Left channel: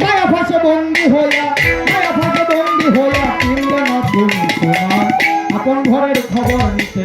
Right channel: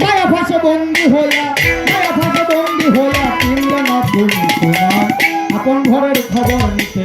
মায়া ফাঁসে বন্দি হইয়া মায়া ফাঁসে বন্দি হইয়া আয়। আপন ঘরের খবর নিতে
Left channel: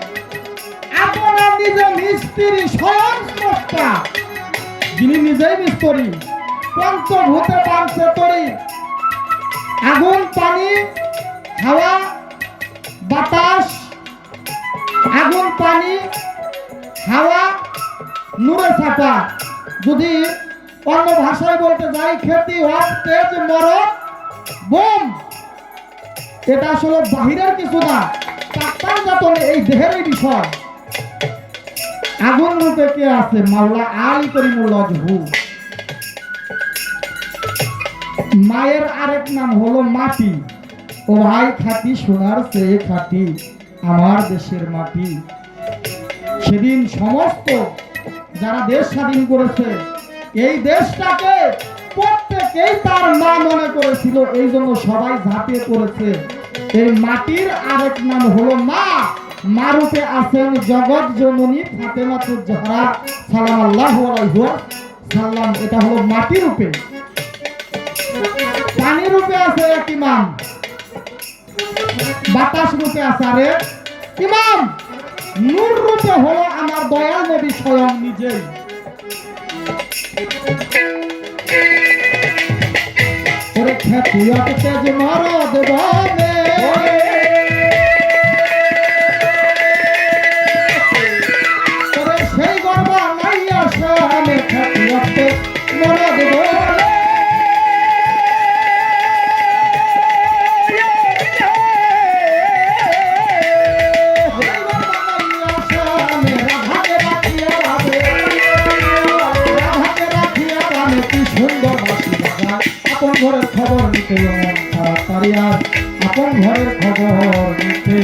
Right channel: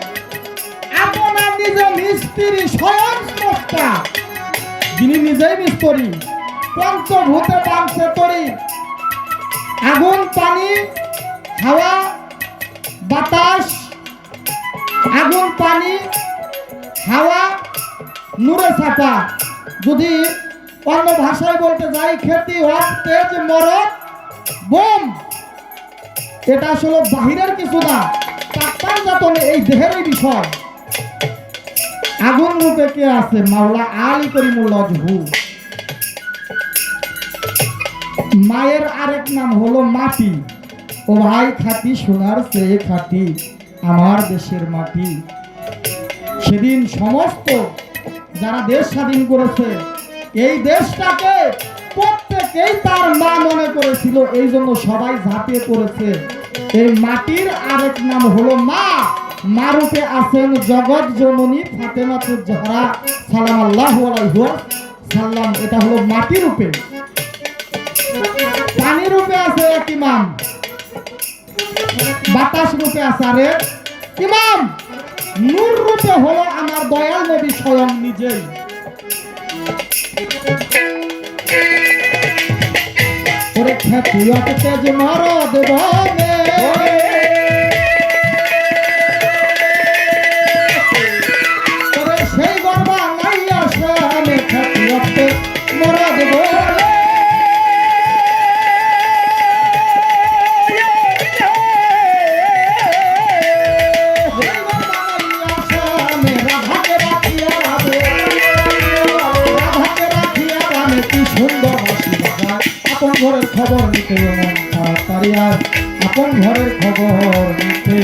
পঞ্চভূতে পাঞ্চে তরি। আগুন, পানি, হাওয়া, বাতাস, আগুন, পানি, হাওয়া, নূরে যদি অন্য ভাষায় বলতে যাই, খেতি হক তেজ, মরদ, বোম। এটা আসলে বাহিরের কিছু না যাতন এই দেহেরই বিষয়। আগুন রূপে কে আছে? মাওলা আলী করিমুল্লাহ হু মায়ের আরেক নাম হলো মাটি। ও ভাই খাটি সোনার চেয়ে খাটি আমার দেশের মাটি। সেদিন সমস্ত যারা দেশ স্বাধীন করেছে, এই দেশটাকে প্রত্যেকেই তার মা মনে করেছিল, এই জন্য সবাই ঝাঁপিয়ে পড়েছে। এই মাটির আরেক নাম হলো মা। মারুতে আছেন জগৎ জননী ফাতেমাতুর জহরা সালাম আল্লাহ সাল্লাম এটা হলো মাটি রূপে। পানি রূপে আছে ইমাম। বাতাস রূপে আছে, আরে। ইমাম, নূর রূপে হলো আমার দয়াল নবী স্বয়ং নিজেই। ওরে খ্যাতিয়াতে তেজ মারদ বনে। ঘরের খবর নিতে তাড়াতাড়ি আয় আপন ঘরের খবর নিতে।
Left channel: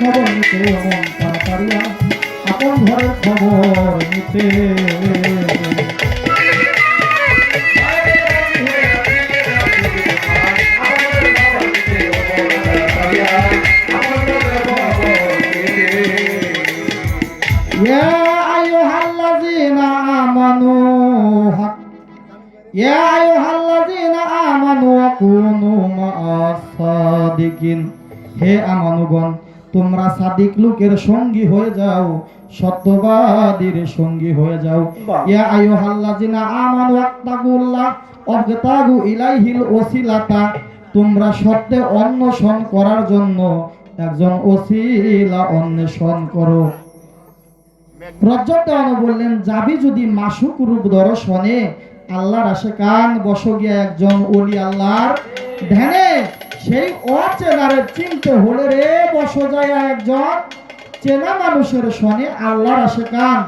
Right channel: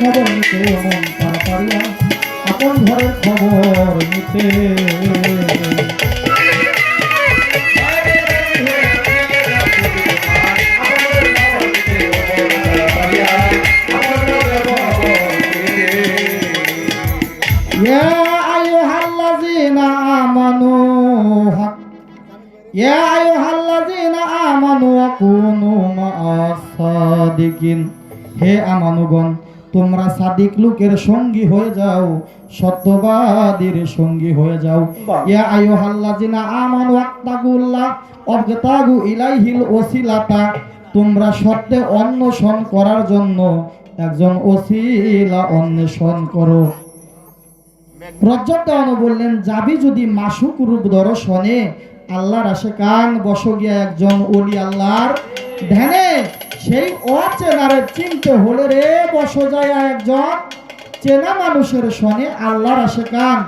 খবর নিতে অমন তাড়াতাড়ি আপন ঘরের খবর নিতে। সাদিক লোকের সঙ্গী হয়ে যাও সত্যবাদীর সঙ্গী হয়ে যাও। ইয়া আইয়ুহাল্লাযিনা আমানু আত্তাকুল্লাহ ওয়াবতাগু ইলাইহিল ওসিলাতা তোমরা সত্যে অন্বেষণ করার জন্য একজন ওসিলা অন্বেষণ করো। রজ্জতানু বললেন যাবি যদি মাসুক রূপ দর্শনে আল্লাহর আসে কান বস গিয়া একজন ওলি আল্লাহর ধ্যানে। সেই অচেনারে চিনতে হলে রে বস যায় একজন চেনা মানুষের সনে আল্লাহর আসে কান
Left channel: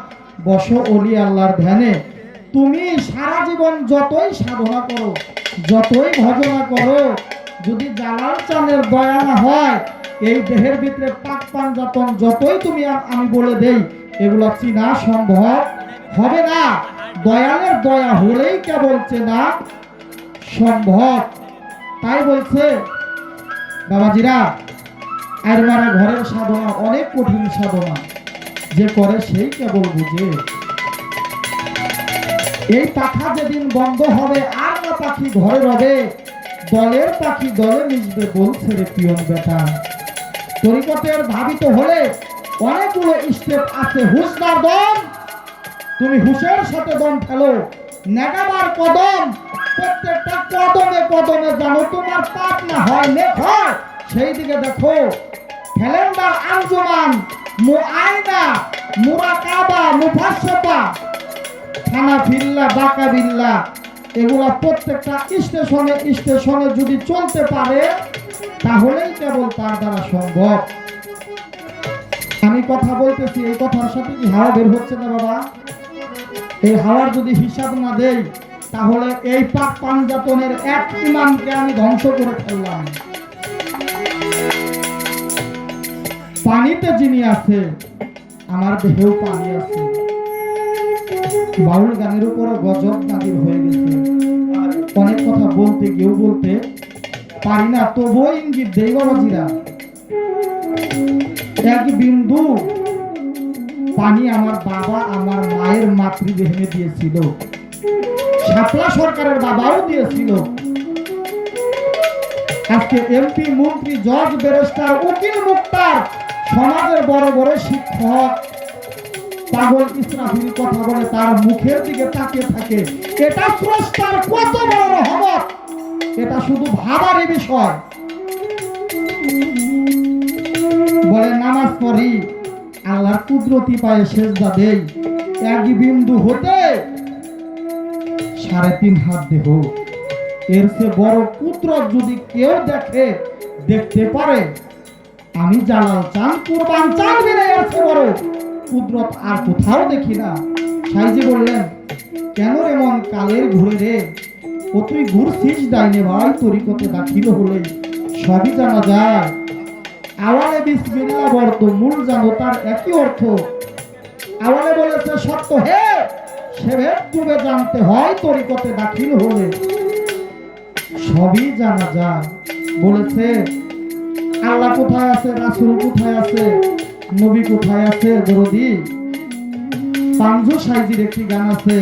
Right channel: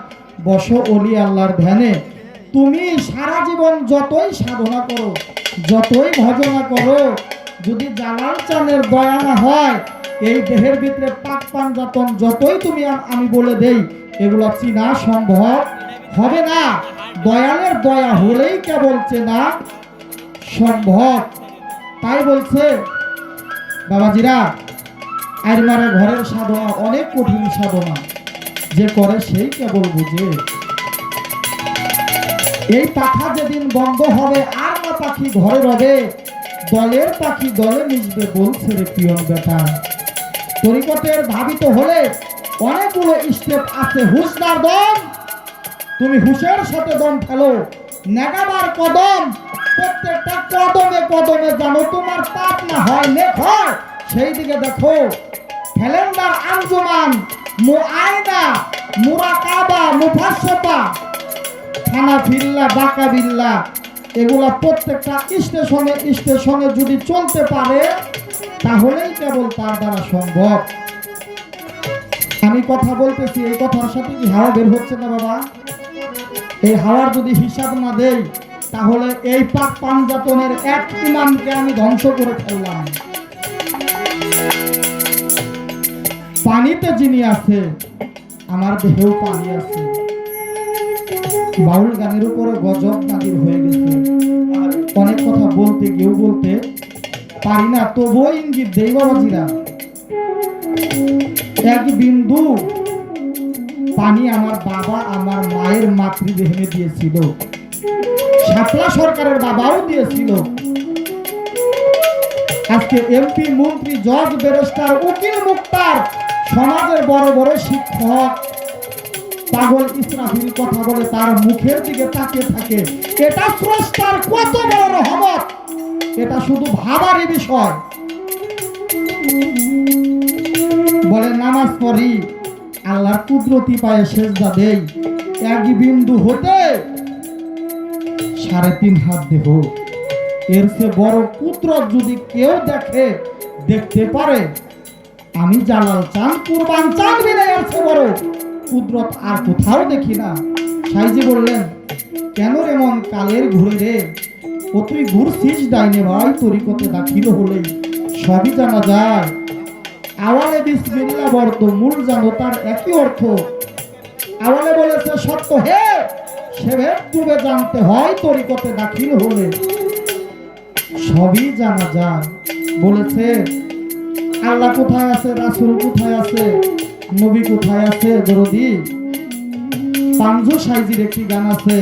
বস ওলি আল্লাহর ধ্যানে। তুমি সারা জীবন যতই সাধনা করো, যতই ভজনা করো, যদি জালাল চানের দয়া না হয়, এই দেহের ভিতরে পাক পাঞ্জাতন যতই তুমি আমি বলে দেই, এগুলো চিনা সম্ভব হবে না। দয়ালের দয়া হলেই কেবল চেনা সম্ভব। তাই বলছে, বাবাজিরা আর ঘরের সাধনা অনেক কঠিন সাধনা, যে করে সেই কেবল বুঝে। এই পাখা যেদিন বন্ধ হবে, আর না পাখি ঘরে রবে, দলের পাখি দলে মিশবে বলছে রে পিয়ন বেটা তরিকতের ভাবিত হলে অনেকগুলো স্টেপ আছে, হুশদার দম তুমি হুশের সাথে দম ফেলো নেগাবার কদম, প্রত্যেকটা কদমে কদমে জানো তোমার পাপ না হয় লেখ হয়। সেই দিকে দেখো ক্যালেন্ডার আঞ্জুমান মুআয়না মুরাকাবা, মুফাসসতা। থানা ফিল্লা বাঁকা বিল্লা এগুলা প্রত্যেকটা স্টেশনে স্টেশনে যদি চলতে পারে, তাহলেই কেবল তার দ্বারা সম্ভব। আমি কথা বলতেছি, এই কথার সাথে কি হাওয়া বের হচ্ছে না বাবা? এই হাওয়ার যদি হিসাব না দেই, তাহলে এই পাক পাঞ্জাতনের এক ইমানকে আমি ধ্বংস করে ফেললাম। পানিতে যিনি আছে, আমার দেহেও পানি আছে। বাউল গানের উপরে গজব নাজির হয়ে গেছে। অনেক কথা বলতে গিয়েও বলতে পারি না, তবুও ইঙ্গিত দেই বাবাজিরা। এক বিন্দু পানি আমার বাবা আমার মায়ের মাতৃদেহে দিয়েছিল। শাপলা সরকারের বাবাও দিয়েছিল। আজকে এমপি, মন্ত্রী, জজ, ব্যারিস্টার, উকিল, মুক্তার, সমাজের বড় বড় শিক্ষক, পাগল ইসরাফিল কথা বলে তার মুখের দিকে তাকিয়ে থাকে। এটা স্রষ্টার কত বড় রহমত! এটা শুধু ভাবারই বিষয়। বলে, নামাজ পড়ি। আল্লাহর কুদরতি পায়ে সেজদা দেই। এক বিন্দু হতে সাড়ে তিন হাত দেহ। এর সে বড় কুদরত যদি কেউ দেখে, দেখতে পারে, আমি জালাল চান, কুরবান চান বিনে এর সে বড় কুদরত আর কোথাও দেখি না। সাইজি বললেন, কেন রে মন কালের ঘুরে রে? ও তুই ঘুরছিস ডাইনে ভাই তরিকতে দাখিল হলেই সবই জানা যায়। আওয়ালে বিসমিল্লাহ বর্ত মূল জানো একই অর্থ। আওয়ালে বলেছে, সত্য হে সেভেদ ডুবে জানতে হয় তরিকতে দাখিল হলে। সবই জানা যায়। বলেছে, আল্লাহ কোথায় আছে, রাসূল কোথায় আছে, নবী কোথায় আছে, দরদি? পাঞ্জু সাইজির একটি গান আছে,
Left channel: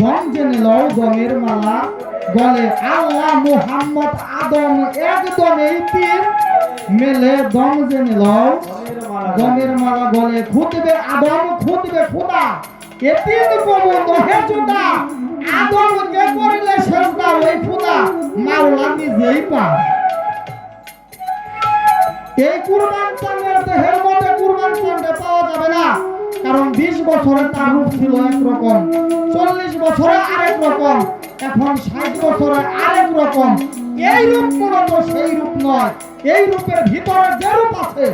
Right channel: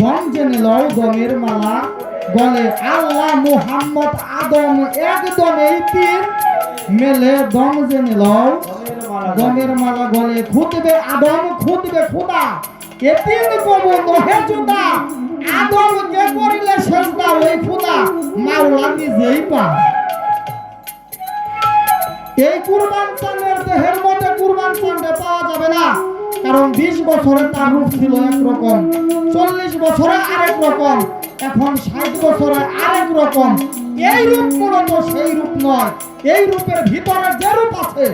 বন জেনে লয় গমের মালা বলে, আল্লাহ মুহাম্মদ আদম একদম এই তিন মেলে দম জেনে লয়। গমের মালা বলে খুদবে আদম খুদবে খোদা। এতিম কবু নহে জোদা আদম কে করিলে সেজদা ওই খোদা। মাওলা নিজেই পায়। এই কুরবান চাঁদের দেহের মধ্যে কুরবান চাঁদে পাওয়া যাবে না। কারণ বিশ বছরে তার রূপ ছিল একরকম, চল্লিশ বছরে আরেক রকম, এখন ষাট বছরে আরেক রকম। এই রূপ মূলত সেই রূপ নয়, এই রূপের ভিতরে যে রূপ আছে,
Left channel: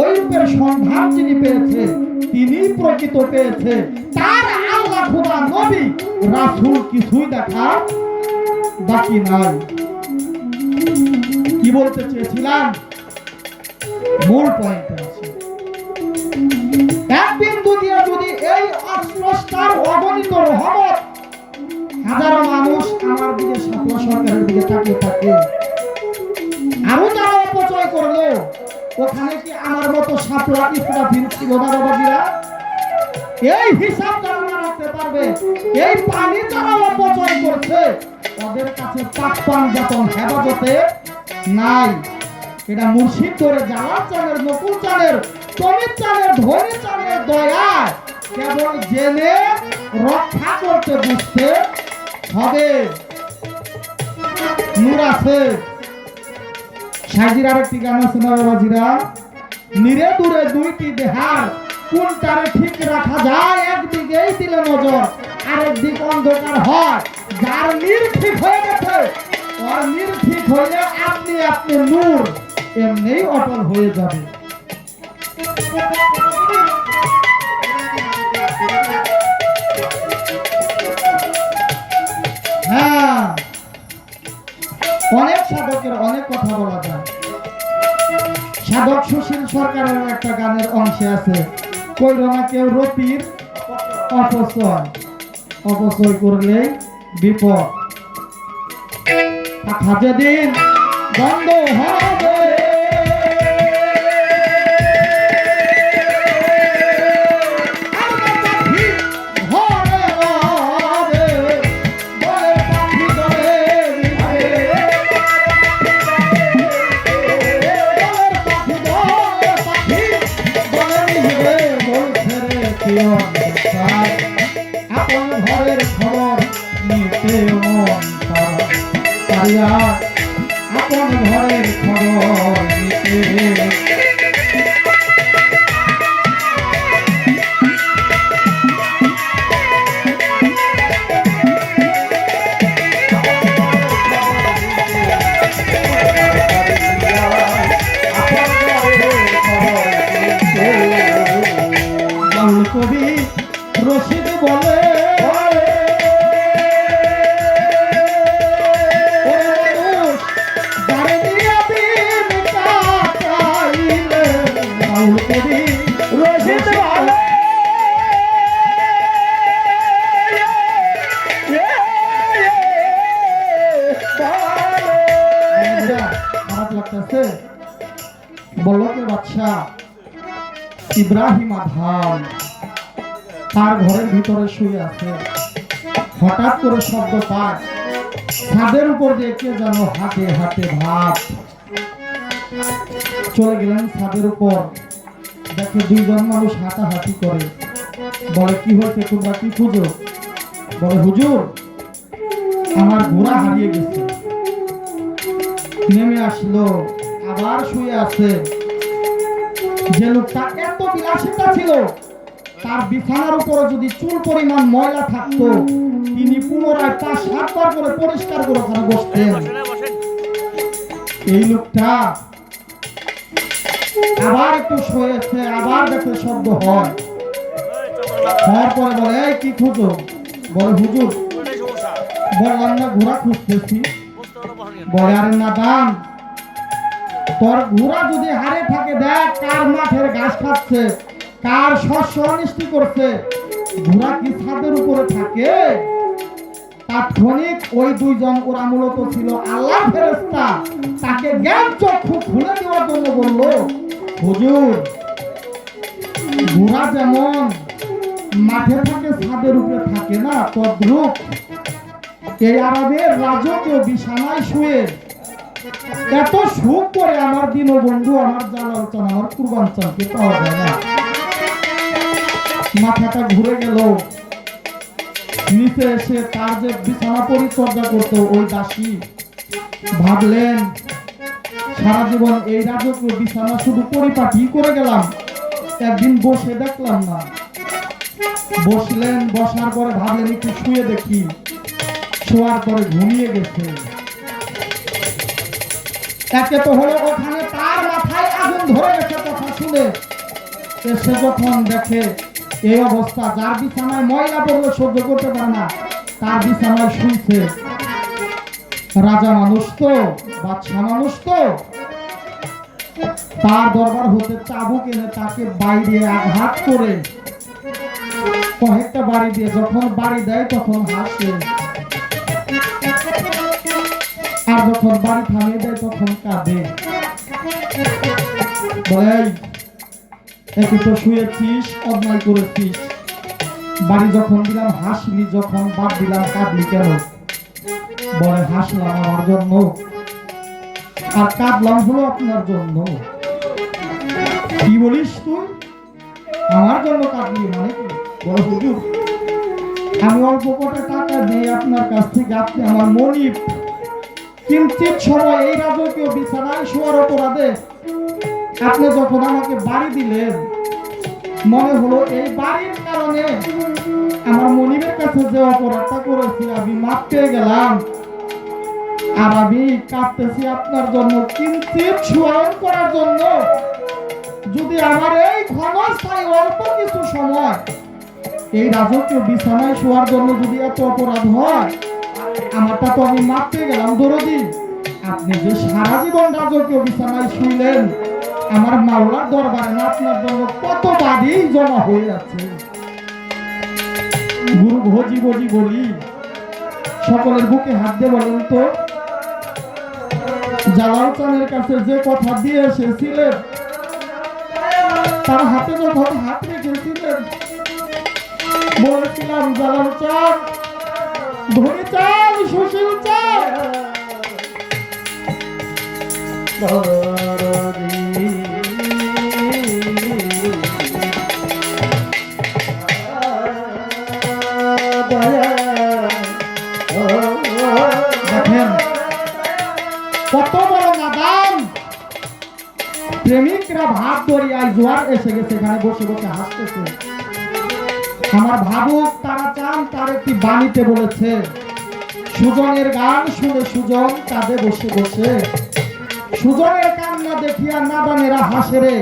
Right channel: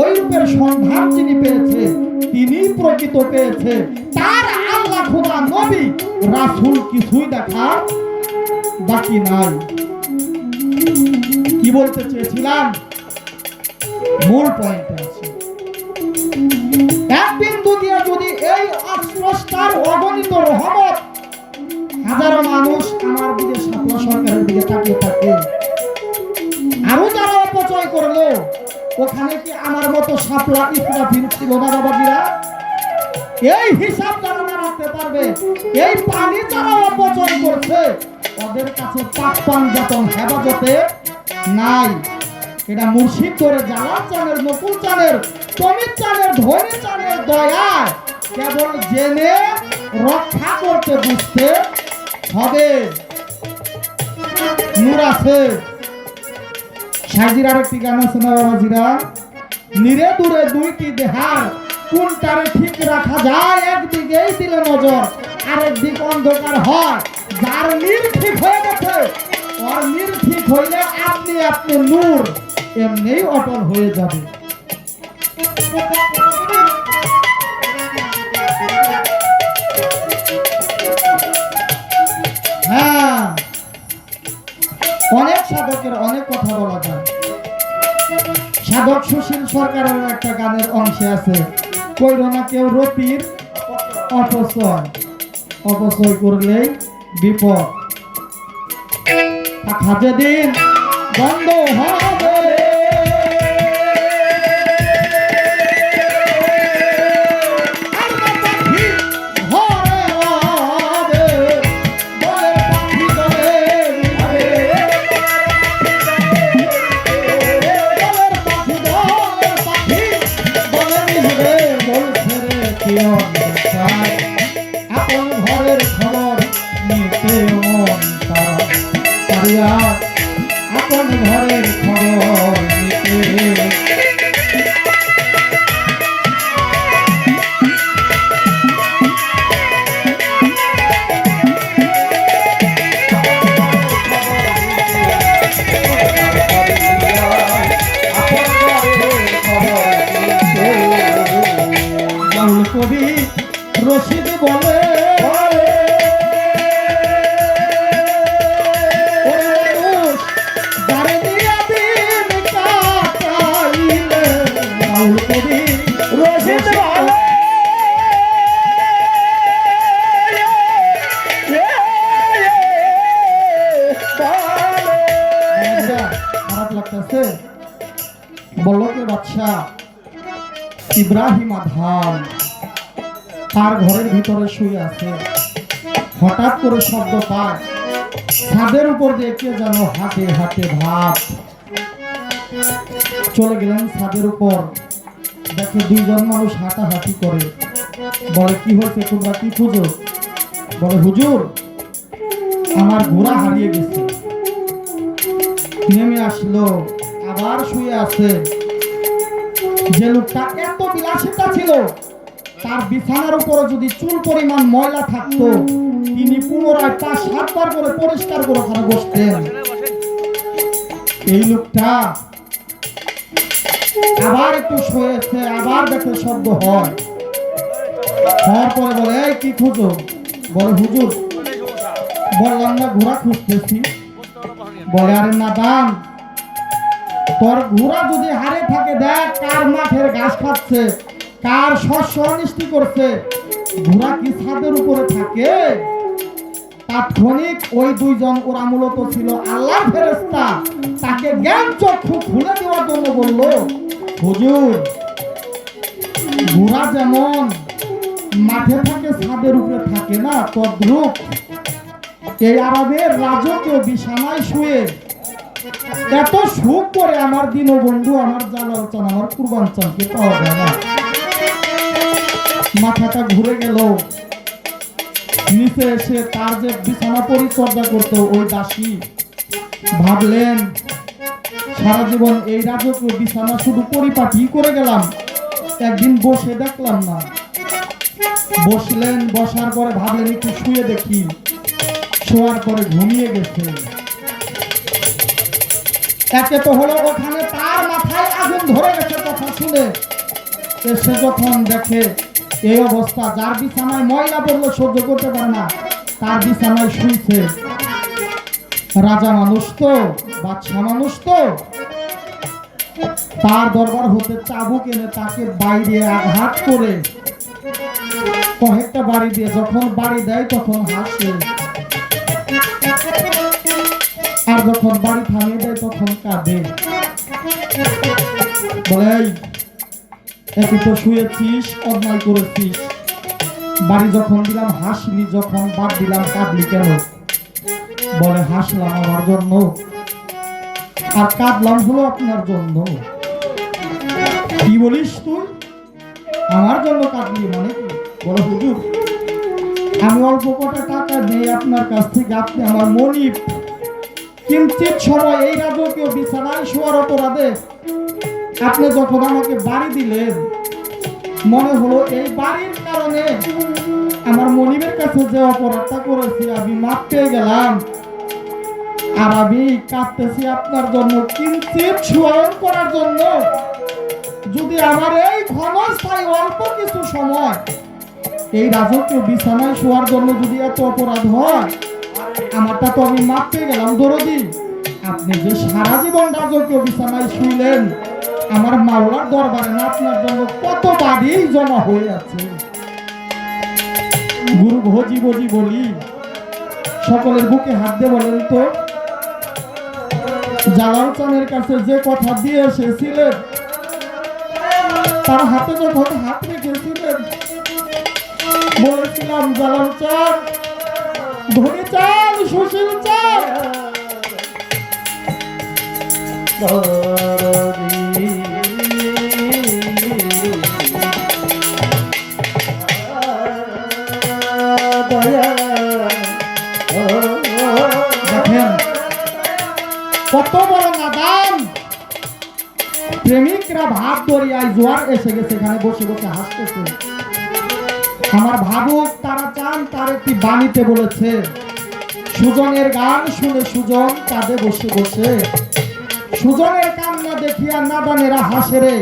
ওই রূপের সন্ধান যিনি পেয়েছে, তিনি প্রকৃত পেয়েছে। তার আল্লাহ খুদা নবী, রাসূল কিছুই দেখা বাকি নাই। কি বলতে চেয়েছিলাম? মূল পয়েন্ট এক বিন্দু যদি এই অস্রষ্টার অগণিত রহমত হাজারো মানুষ আমার দিকে সাপলা সরকারের দিকে তাকিয়ে থাকে। আরও যারা অপচয় করল, ওখানে কি আমার মতো সাপলা ইসরাফিল ছিল না বাবাজিরা এই হিসাব না রাখতে পারবে, এই পানি যারা অপচয় করছে। ওদের কাছে পাকপান যতন হেফাজতে নাই। এটা মুর্শিদ ধরে জালাল চানের নকুল চানের তমির চানের, ধনী চানের দয়ায়। কেবল জেনে রক্ষা করতে বুঝতে হবে। নূর আছে। সাজির আরেকটি গান আছে না বাবাজিরা নিরে দূরে দুইটি দেহার, কোনটারে ঠিক রাখা যায়? একদিকেই দিলে নজর আরেক দিক অন্ধকার হয়। যার নির ঠিক হয়ে গেছে আর নির ঠিক হইলে আপনি আপনি নূর। এমনিই অটল হয়ে যাবে। হ্যাঁ অনেক সাধকের অনেক কথা বলা যায়। সাধক সুশীল সরকারের একটা গানের অংশে আছে, কইর না কেউ রতির অপচয়। অপচয় করলে বিপদ। যেদিন বন্ধ হবে আপন করে শব্দ পায় ছাদের উপর দিয়ে কে যেন হাতে হাতে ভাত। চলে গেলেন ছাদের উপর। দেখে দুইজন মানুষ হাঁটাহাঁটি করে। বলে, কি হয়েছে তোমরা কি খুঁজো? বলে, হুজুর, আমার ঘোড়া হারিয়ে গেছে। নেমে আসলো, আবার শুয়ে আছে। যে লোকটা এত বিলাসিতা ছিল তার বিছানার উপরে যদি চুল পরিমাণ ময়লা থাকতো তিনি পুনরায় পাঁচ সাতবার করে পরিষ্কার করে ওখানে বসতেন। এই লোকটা আবার একটু শুয়েছে আবার দেখে শব্দ হয়। হওয়ার পরে বলে "এই, কি খুঁজো? বলে হুজুর বললাম না ঘোড়া খুঁজতেছি। বলে আরে না দান তোর ঘোড়া যদি হারে থাকে দেখ কার মাঠের ঘাস খাচ্ছে। কার শস্য অনিষ্টি করছে। ঘোড়া কি ছাদের উপরে থাকে? তাৎক্ষণিক ওই দুইজন ওরা মূলত ছিল আল্লাহ ফেরেস্তা তাকে জ্ঞান চক্ষু খুলে দেওয়ার জন্য বলল, হুজুর, ঘোড়া যেমন মাঠে থাকে, ছাদের উপরে থাকে না, তদ্রুপ। এই আরবের রাজকীয় বিছানায় শুয়ে এত সুখ করে আমার দিন বন্ধু আমার জালাল চান আমার কুরবান চানকে পাওয়া যায় না। মাথাটা ঘুরে গেল। নিচে এসে তার যে বিছানা পরিচর্যা করতো, ওই দাসী ভাবলেন, সারা জীবন এই রাজকীয় বিছানা শুধু পরিপাটি করে গেলাম, একদিন বসে দেখলাম না। বসলেন, বসার পরে ভাবলেন, একটু শুয়ে দেখি। শোয়ার পরে ঘুমিয়ে গেছে। একে তো হলো ওখানে তার মাথায় আগুন ধরে গেছে কথা শুনে। এসে যখন দেখে এই অবস্থা। যার বিছানায় ময়লা পড়লে, সহ্য করতে পারে না। তার বিছানায় শুইছে। রাজা মানুষ তো বাদশা মানুষ তো। তার দরবার হতে চাবুক এনে তাকে বাইরে আঘাত করে। কয়েকটা বাড়ি দিয়ে যখন বাড়ি দেয়, তখন হাসে। আর যখন বাড়ি থামিয়ে দেয়, তখন কাঁদে। বলে "এই, একই তো শুয়েছিস অন্যায় করেছিস। বাড়ি যখন দিলাম হাসলি যখন বাদ দিলাম কাঁদলি কেন? বলে হাসলাম আমার জন্য। আর কাঁদলাম হলো আপনার জন্য। কি বলিস তুই? আমার জন্য কাঁদলি মানে বলো হুজুর। আমি অল্প কটা টাকা দিয়ে আপনার কাছ থেকে আপনি আমার মনিব কিঞ্চিত সময় এই রাজকীয় বিছানায় শোয়ার অপরাধে আপনি যখন আমাকে বাড়ি দিলেন। মনে হলো এই বাড়ির কারণে আমার মনিবের কাছে যে অপরাধটা করেছি, আমি মাপ পেয়ে গেলাম। আর আমি কাঁদতেছি আপনার জন্য কিঞ্চিত স্মরণ করার জন্য। যদি আমার এই ক্ষমস্থায় অল্প কিছু সময়, এই রাজকীয় বিছানায় শোয়ার জন্য যদি এত অপরাধ হয়, আমারটা তো আমি মাপ পেয়ে গেলাম দরদি আপনি যে সারা জীবন রাজকীয় বিছানায় শুইলেন আমার মাওলার দরবারে না, আপনার জন্য কত বাড়ি জমা হয়ে আছে। গুরু ভোজি ভোজি বলি সকলের বুকে হাত দিয়ে বলেন তো, জালাল চানের কাছে যে কথা দিয়ে এসেছিলেন, তার হাতে যখন হাত রেখেছিলেন, বলেছিলাম, জালাল চান ধনী চাল সুশীল চাল দরিয়ায় জোয়ার এসে গেছে, এখানে বসে বসে হাসতেছে। আমার ভাবুক, তারা চান তার একটি বাণীতে বলেছে, সুজনের গান শুনে সুজন কাঁদে বসে বসে। সুজনের কান্না দেখিয়া নাদানেরা হাসে রে,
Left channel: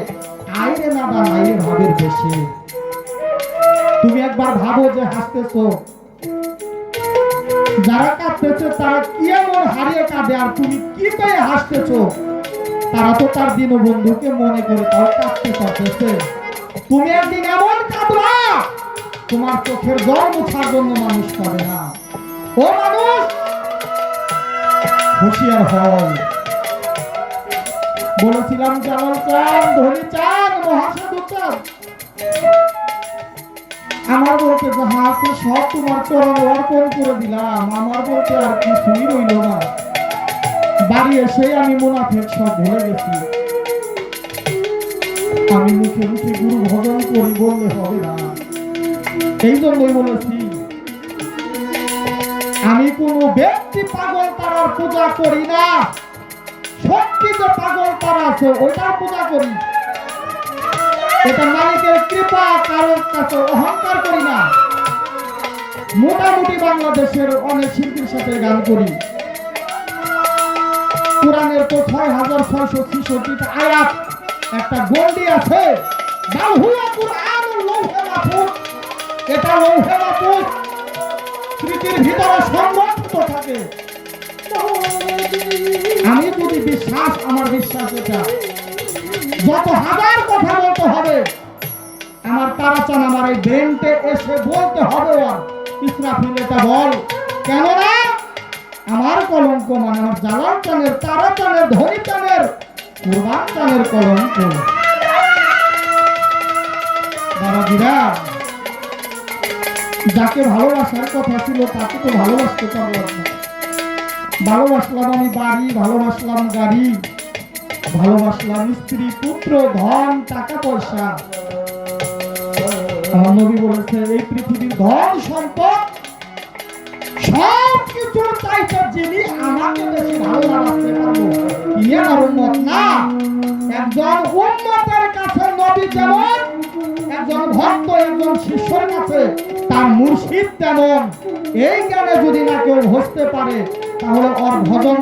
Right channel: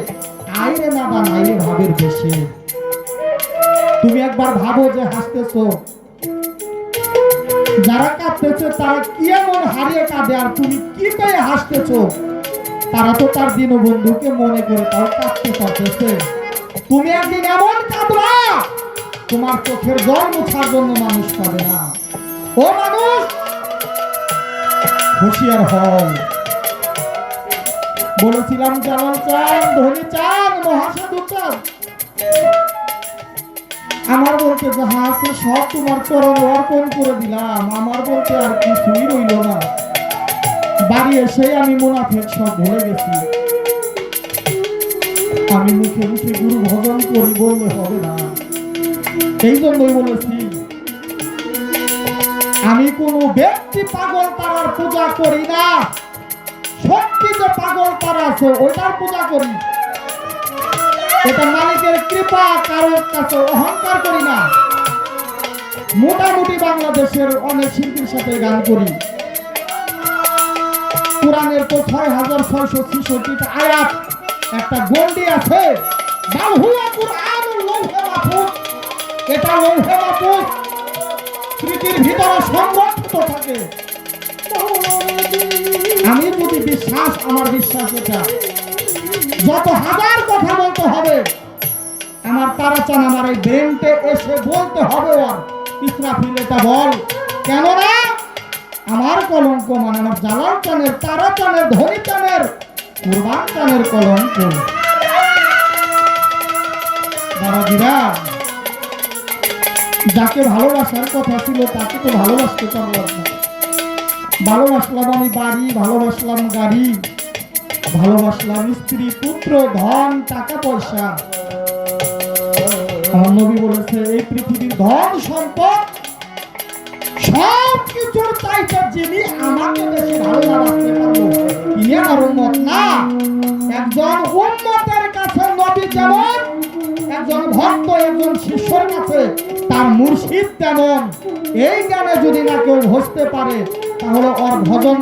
আইরে নাদান আইরে ভাবের বেশি। তুমি একবার ভাবো যে হাসতেছো। যারা কাঁদতেছে, তারা কি এমন হারিয়ে কাঁদে আর তুমি কি পেয়ে হাসতেছো? তারা তো তার দীনবন্ধুকে মনে করে তাও কাঁদতে পারতেছে তুমি একদিন এমন কাঁদবা, তোমার চোখের জল মোছার জন্য মানুষ পাবে না। ও মানুষ, হুঁশিয়ার হও। বলেছিলাম জালাল চান ধনী চান মহাসাধু চান আমার বলতে যাহা আছে সব তোমার চরণ অর্পণ করে দিলাম। আমার বলতে আর কিছুই রইল না। বাড়ি এসে আমি মুনাফেক সব ভুলে গেছি। আমি মুখে মুখে গুরু ভজন করি বললে হবে না। এই জন্যই বলেছি, আমি কোন ব্যক্তি পাগল তারার পূজা করি না। সত্যি যে পাগল তারা আছে, ওটার পূজা করি। এটা মালিকের কৃপা কারোর কাছে অহংকার করি না। মোটামুটি বাংলাদেশের অনেক শিল্পীর সাথে গান করি। কোরআনের তো ছয় হাজার ছয়শো ছিষট্টিটা আয়াত, একটা গন্ডি আছে। এটা লৌহে মাহফুজ স্মৃতির ভিতরে সংরক্ষিত থাকে। আমি যদি বিশ্বাস, আমার বিশ্বাস এটা। যত হাজার কথা বলতে হবে, আমার তারাচান আমার এই ব্রেনটে এসে বলতে হবে আর ইসরাফিল এটা বল। কেননা আমার কলঙ্ক মানে আমার জালাল চানের তারা চানের ধনী চানের কুরবান চানের কলঙ্ক। দাদাজিরা যাকে ভালোবাসার কথা ছিল তাকে তো ভালোবাসতে পারলাম ভালোবাসলাম আমি বাড়ি, ভালোবাসলাম গাড়ি, ভালোবাসলাম স্ত্রী, পুত্র, ধন, টাকা পয়সা। আমার নবী বলেছে, এই পৃথিবীর ধন সম্পদ সব চাইতে যিনি আমাকে বেশি ভালোবাসতে পারব ইয়ে উন্মত না? একজন উন্মতের কাছে নবী যেমন, একজন ভক্ত, একজন শিষ্যের কাছে তার মুর্শিদ তেমন। এই জ্ঞানে যদি না কেউ হসতে পারে, তাহলে ওর ভজন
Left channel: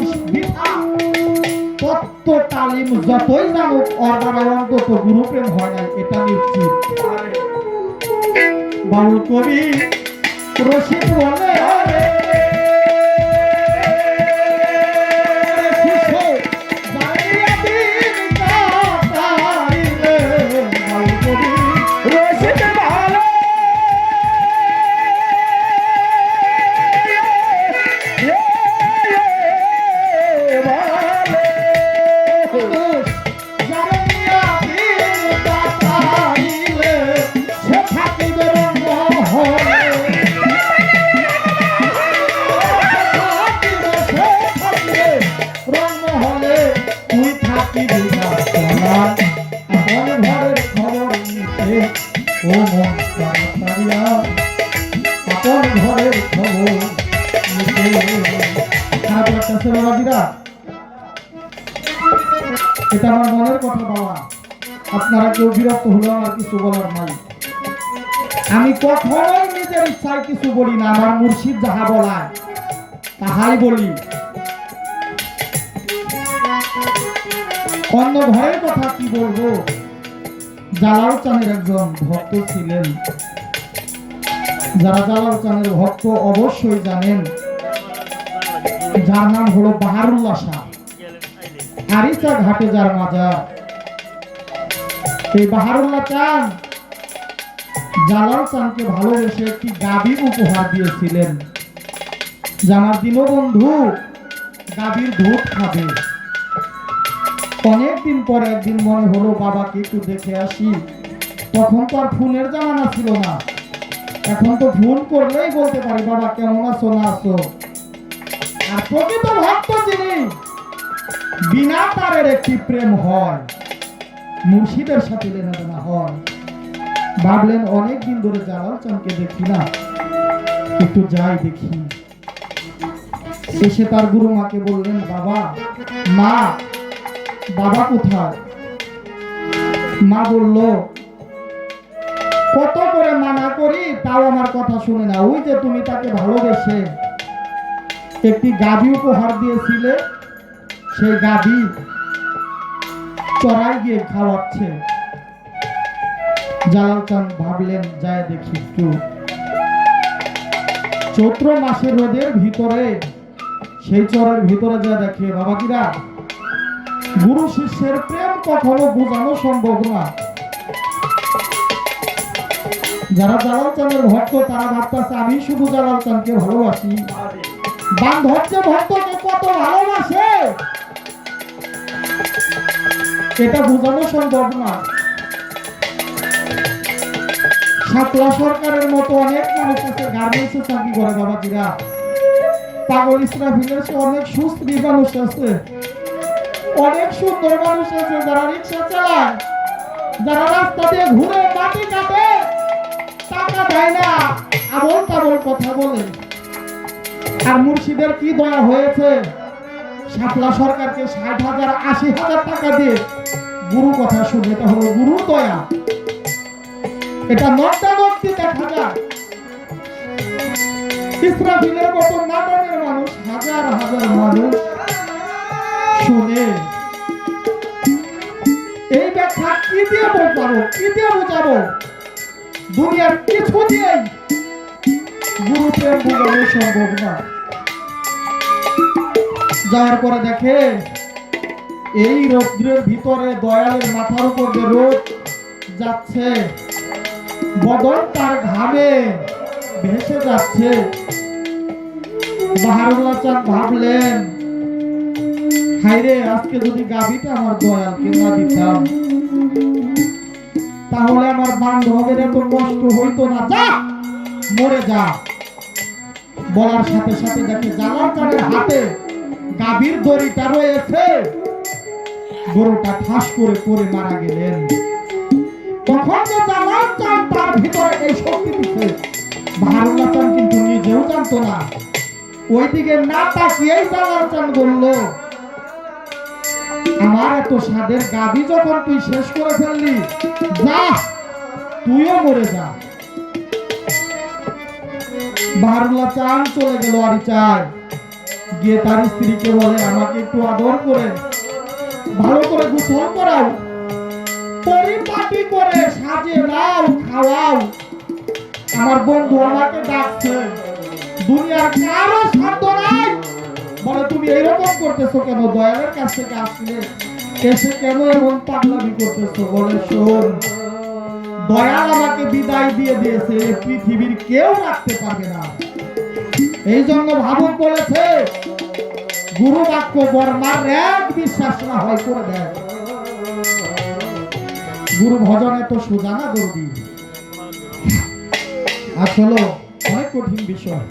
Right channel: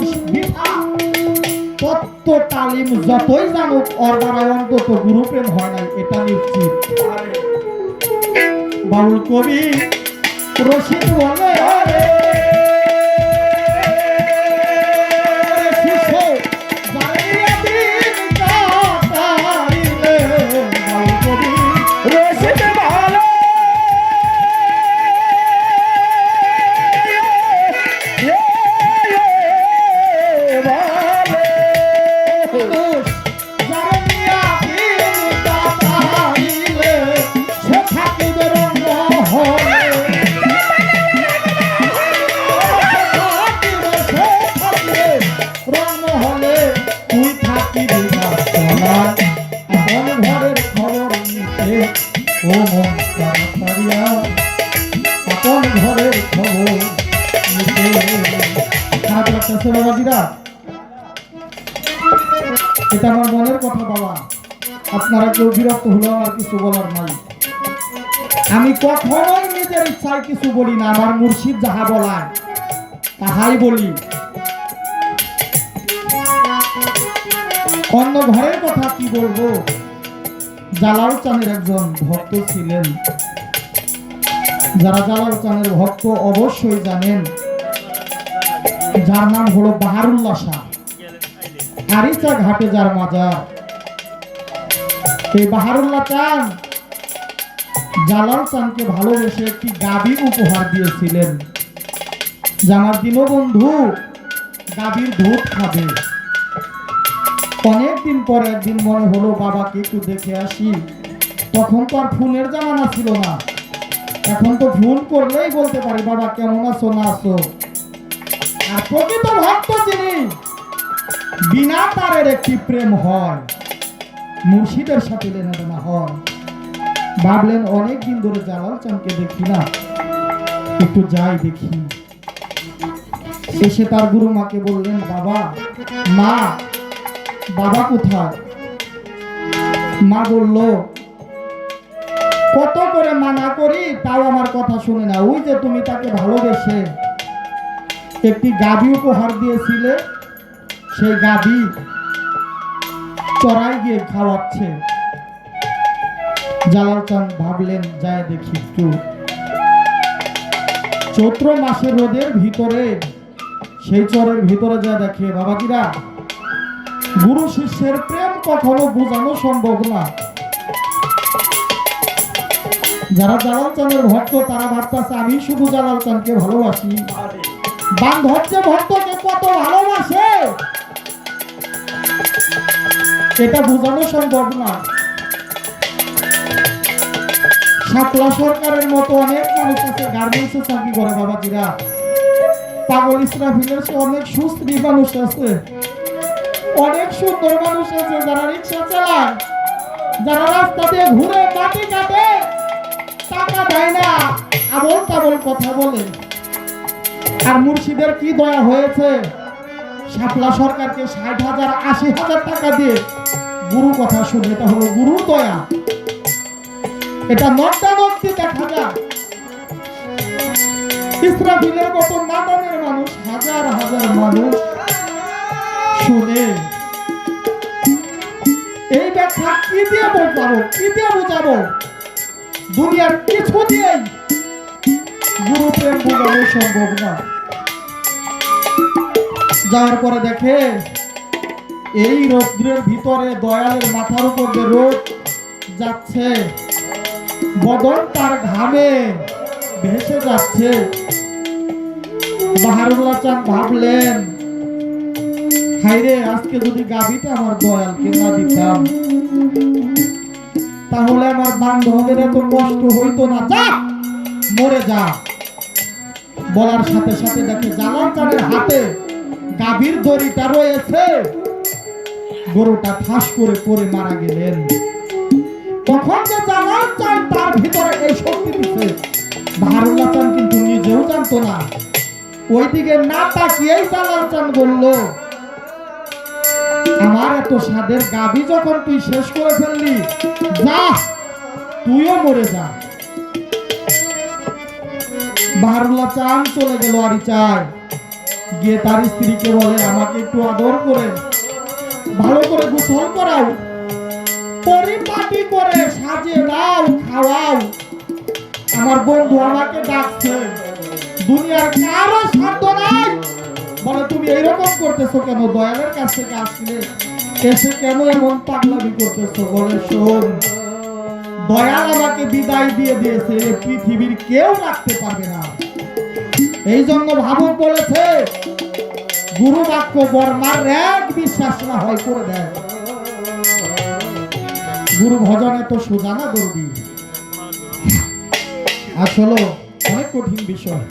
তত্ত্ব তালিম যতই জানুক, ওর দ্বারা অন্তত গুরুপ্রেম হয় না এটা নিশ্চিত। বাউল কবি রশিদ বলে কিছু বলার নাই আমি কখনোই নিজের ইচ্ছায় কিছু বলি না, আমার মুর্শিদ যাহা বলায়, তাহাই বলি। অন্য ঘরের কথা কি বলব? জালাল চাঁদের একজন ভক্ত ছিলেন। যারা জালাল চাঁদের ভক্ত অবশ্যই জানেন, যার নাম হলো বাহারুল্লাহ শাহ। আরিচা ঘাটে যার মাজার। চান জালাল ভালোবেসে একটি গাভী উপহার দিয়েছিলেন। দীনবন্ধু গাভীর খাবে। অনেকদিন পর একদিন মনে হলো, বাবাকে একটু দেখে আসি। তখন তো আর ফোনের জামানা ছিল না। এখন তো ফোন করলেই বলতে পারি, বাবা, কেমন আছো? না আছো? আর প্রকৃত ভক্ত বিনা তারের একটি প্রেম হয়। মুর্শিদের সাথে লেনাদেনা হয়। ভাবলেন অনেকদিন ধরে জালাল চানকে দেখি না। একটু যাই দেখি। এসে তার গুরু মাকে বললেন, বাবা, মা, বাবা কোথায়? মা বলল, কত করে মানা করি তাও আমার কথা শুনে না। ওই যে তুমি তাকে ভালোবেসে একটি গাভী উপহার দিয়েছিলে, সেই গাভী চড়াই গিয়ে খাওয়াচ্ছে। জালাল চান ভাবলেন, যায় দেখি একটু। চৈত্র মাসের রোদের ভিতরে, সেই চরের ভিতরে যা দেখে বাবাজিরা, গুরু শিষ্যের প্রেম কখনো বোঝানো সম্ভব না। যারা জালাল চাঁদের ভক্ত, তারা ভাবতেছে, আমি শুধু জালাল চাঁদকে ভালোবাসি। বান্ধব যে ভক্তকে, কত ভালোবাসে! এটা বোঝানো সম্ভব না। সাতলা সরকারের মতো অনেক মানুষ আছে গার্মেন্টসে চাকরি করে বাবাজিরা। পাগল অনেক মানুষ আছে। অনেক সুন্দর মানুষ আছে যারা রিক্সা চালায়, যারা ঘুরে মাটি কাটে টাকা দেয় না কথা বলে। আর মুর্শিদের কি দয়া হয়েছে? সরকারকে ষাট হাজার, আশি হাজার টাকা দিয়ে গুরু কথা শুনে, এটা হলো গুরু দয়া। এটা নটটি দেখা যায় ইসরাফিলের মতো মাদনের মানুষ, হাজার হাজার মানুষ শুনে। এই ব্যাখ্যা কি দিয়ে বোঝাবো? কি দিয়ে বোঝাবো? দুনিয়ার কিছু দিয়েই গুরু বোঝানো সম্ভব না যাওয়ার পরে দেখে এই রৌদ্রের ভিতরে দয়ালের মাথার উপর যে রোদ যাচ্ছে বদন তার ঘামে ভেসে যাচ্ছে। বাহারুল্লাহ চান ভাবলেন হাইরে আজকে যদি গাবিটা আমার দয়ালকে না দিতাম, তাহলে আমার বান্ধবের এত কষ্ট হইতো না। যা, মরে যা। বলার সাথে সাথে দেখে জালাল চানের হাতে গাভীর দড়িটা রয়েছে। গরুটা ঠাস করে পড়ে মারা গেলেন। তখন যে জালাল চান তার ভিতরে এই শক্তি দিচ্ছে চান কিন্তু নিজেও জানতো না। ওইদিকে না তাকিয়েই জালাল চান আমার এত স্বাদের গাবি যখন তুই শেষ করে ফেললি, যা, তুইও মরে যা। বাহারুল্লাহ চান চলে গেল আরি চায় গিয়ে তার স্ত্রীকে বলে, আমাকে একটু আদর করে ভালো করে গোসল করাও। পরিপাটি করে সাজে দাও খাওয়াও। আমার বন্ধু আমাকে ডাকছে, দুনিয়ার কারও সাধ্য নাই? বলে, তুমি এরকম করতেছো কেন? দয়ালের কাছ থেকে আসলে এসে কেন এমন পাগলামি করতেছো? বলে, শোন, দয়াল আমাকে বিদায় দিয়ে দিয়েছে, পৃথিবীর কেউ রাখতে পারবে না। এই জন্য ভাবন বলেছে গুরু বাক্য বর্মার এক বিশ্বাস না হয় করে দেয়। গুরু ভজন তো সোজা না দর্দি আসলে অনেক কঠিন বিষয়।